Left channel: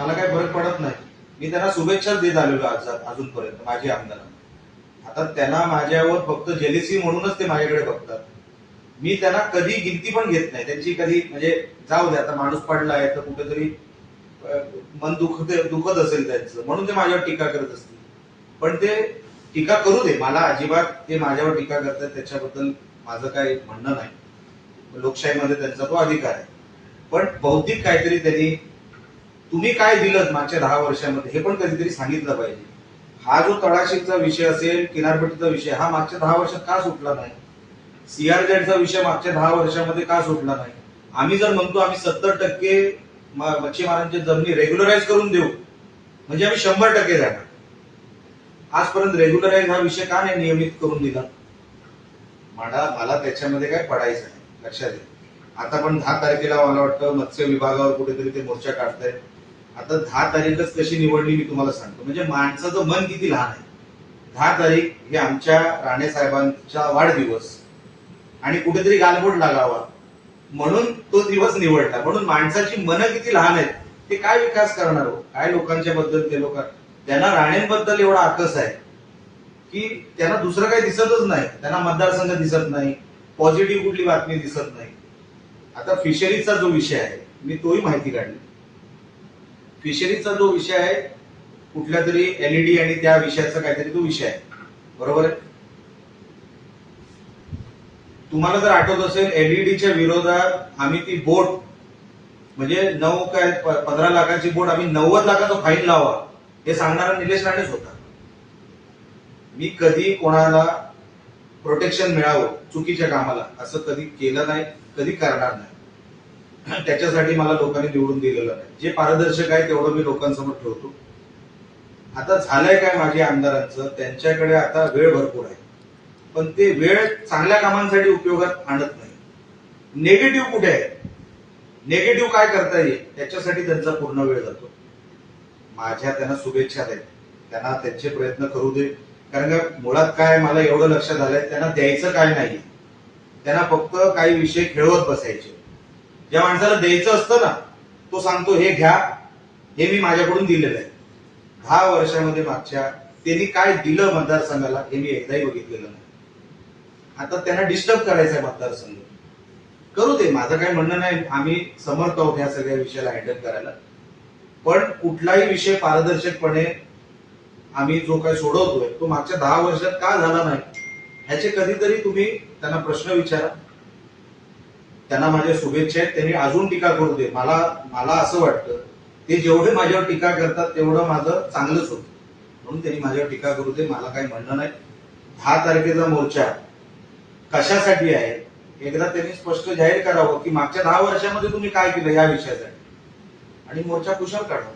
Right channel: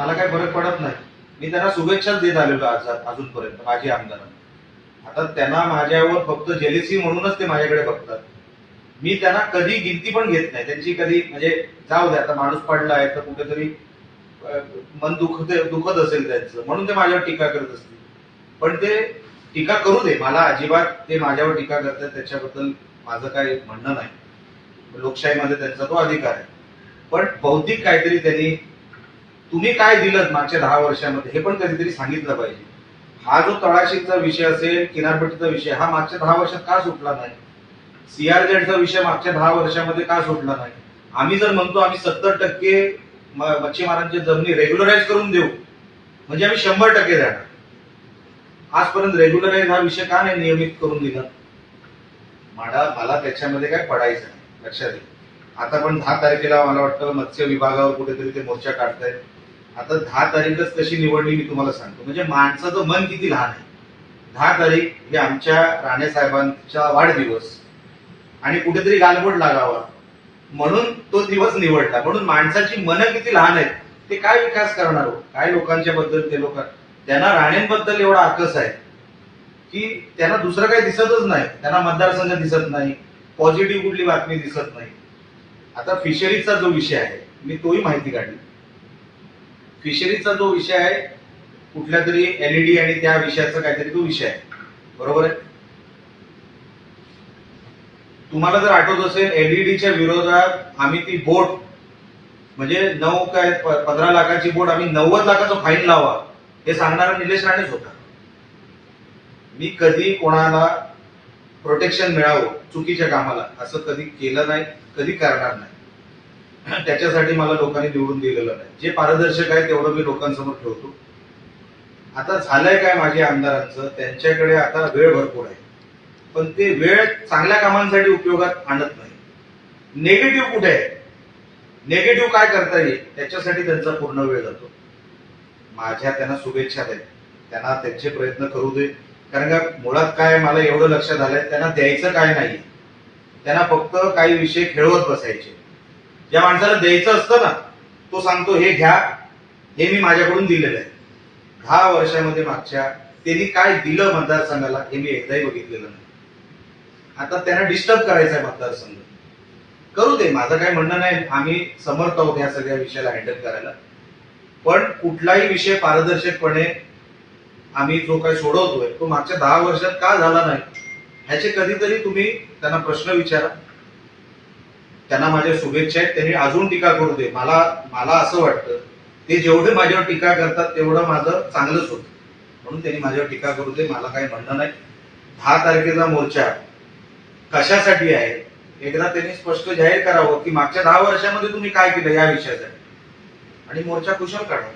मला काही फरक पडत नाही. मी त्यांना शुभेच्छाच देत आलेलो अजूनपर्यंत माझी आमदारांना. आता त्यांना माझ्यावर फक्त जेलिसी म्हणूनच ते माझ्याकडे बघतात. मी त्यांना कधी गिनती पण घेत नाही त्यांची. कधी म्हणजे जाऊ द्या, आता माणूस पडलाय तर कुठेतरी मन दुखत असेल त्यांचं, म्हणून ते माझ्यावर टीका करत असतील. पण ते टीका करू दे, मला अजिबात ते माझ्यावर टीका करतात त्याच्याबद्दल माझं काही म्हणणं नाही. लोकशाहीमध्ये त्यांचा तो अधिकार आहे. पण बौद्धिक काहीतरी त्यांनी, तुम्ही काय दिलं मागच्या 10 वर्षामध्ये हे पण कधीतरी सांगितलं पाहिजे. हा जो तळाशीचा विषय असेल, किनारपट्टीचा विषय, हा मागच्या 10 वर्षात का सुटला नाही? सीआरझेडचा विषय मागच्या 10 वर्षामध्ये का सुटला नाही? आम्ही जर म्हणतो आम्ही 70% मच्छीमारांची जमिनी रेग्युलराईज करून देऊ, म्हणजे आम्ही 100% जाणार. आजपर्यंत रेग्युलराईज हा विषय का नाही नियमित करून दिला? मला त्याच्यामध्ये काय पडायचं नाही, लक्षात घ्या. आता पण 10 तारखेला मला वाटतं मत्स्य विभागावर कुठेतरी ते मोर्चा काढतायत. आता 10 तारीखच कशी निवडली मी तुम्हाला सांगतो. म्हणजे माणसाचं मन किती लहान आहे. 10 तारीख हे आमच्या राणे साहेबांचा वाढदिवस आणि कुठेतरी गालबोट लागावा म्हणून तो दिवस निवडला. म्हणून माणसाची मनं किती लहान आहेत. ते काय विकास करणार हो? काय लोकांच्या बद्दल ते लोक, त्यांना राणेंबद्दल एवढा आकस आहे की त्यांना दुसरं काही दिसतच नाही. त्यांना मतदारसंघ दिसत नाही, पॉझिटिव्ह कुठली बातमी दिसत नाही. आता फिशरीजचा जो विषय आहे, मी तोही माहिती काढली. फिशरीजचा जो विषय आहे, कुठल्या तरी एलईडी आणि त्या विषयाचा काहीतरी तो विषय आहे, बरोबर आहे. तुम्हाला जर आठवत असेल, एलईडीच्या विरोधात आम्ही ती बोट, म्हणजे 15 लाखाची बोट आम्ही 90 लाखाचा फाईन लावा हे सांगणारा निलेश राणेच होता. मी कधी कोणाला प्रोटेक्शन मिळावं चुकीच्या कामाला असं कधी केलं नाही, कधी करणार नाही. त्याच्यासाठी मला लोकांनी निवडून दिलेलं नाही. जे पारदर्शक आहे तेवढं मी लोकांसमोर ठेवतो. आता झालंय काय माझ्या आमदारांचं, त्यांच्याकडे आता वेळ भरपूर आहे, पण ते वेळ चांगल्या कामांसाठी उपयोगात आणत नाही. नेगेटिव्ह कुठे आहे, नेगेटिव्ह काय करता येईल त्याच्यासाठी त्यांचा पूर्ण वेळ जातो. माझ्या त्यांना शुभेच्छा आहेत, त्यांना त्यांचे प्रयत्न करू दे. कारण का मुळात काय मला एवढं लक्षात आलंय, त्यांना द्यायचं काय नाही, त्यांना फक्त काही विषय खेळवत बसायचे. ज्या माणसाला द्यायचं असतं ना, तो सांगतो हे घ्या, हे मी माझ्याकडून दिलेलं आहे. 10 वर्षामध्ये मागच्या त्यांनी काय दिलं मतदारसंघाला हे मी एकदाही बघितलेलं नाही. आता त्यांना डिस्टर्ब करायचा आहे मतदारसंघ, करू दे, माझं काही म्हणणं नाही. आम्ही समर्थ आहोत या सगळ्या विषयाला हँडल करायला. पण कुठलाही विषय पारदर्शकपणे आम्ही जो काही सोडवतोय तो मागच्या 10 वर्षात का झाला नाही ह्याचे कधीतरी तुम्ही त्यांना प्रश्न विचारा. त्यांना माझ्या शुभेच्छा आहेत. त्यांनी अजून टीका करू दे. मला असं वाटतं ते जेवढे माझ्यावर टीका करतात तेवढं माझं चांगलंच होतं, म्हणून त्यांनी माझ्यावर टीका करू दे, मला काही म्हणणं नाही. 10 तारखेचा मोर्चा कशासाठी आहे एकदा त्यांनी स्पष्ट जाहीर करावं की मागच्या 10 वर्षामध्ये तुम्ही काय केलं या विषयासाठी, आणि मोर्चा कुशल काढा.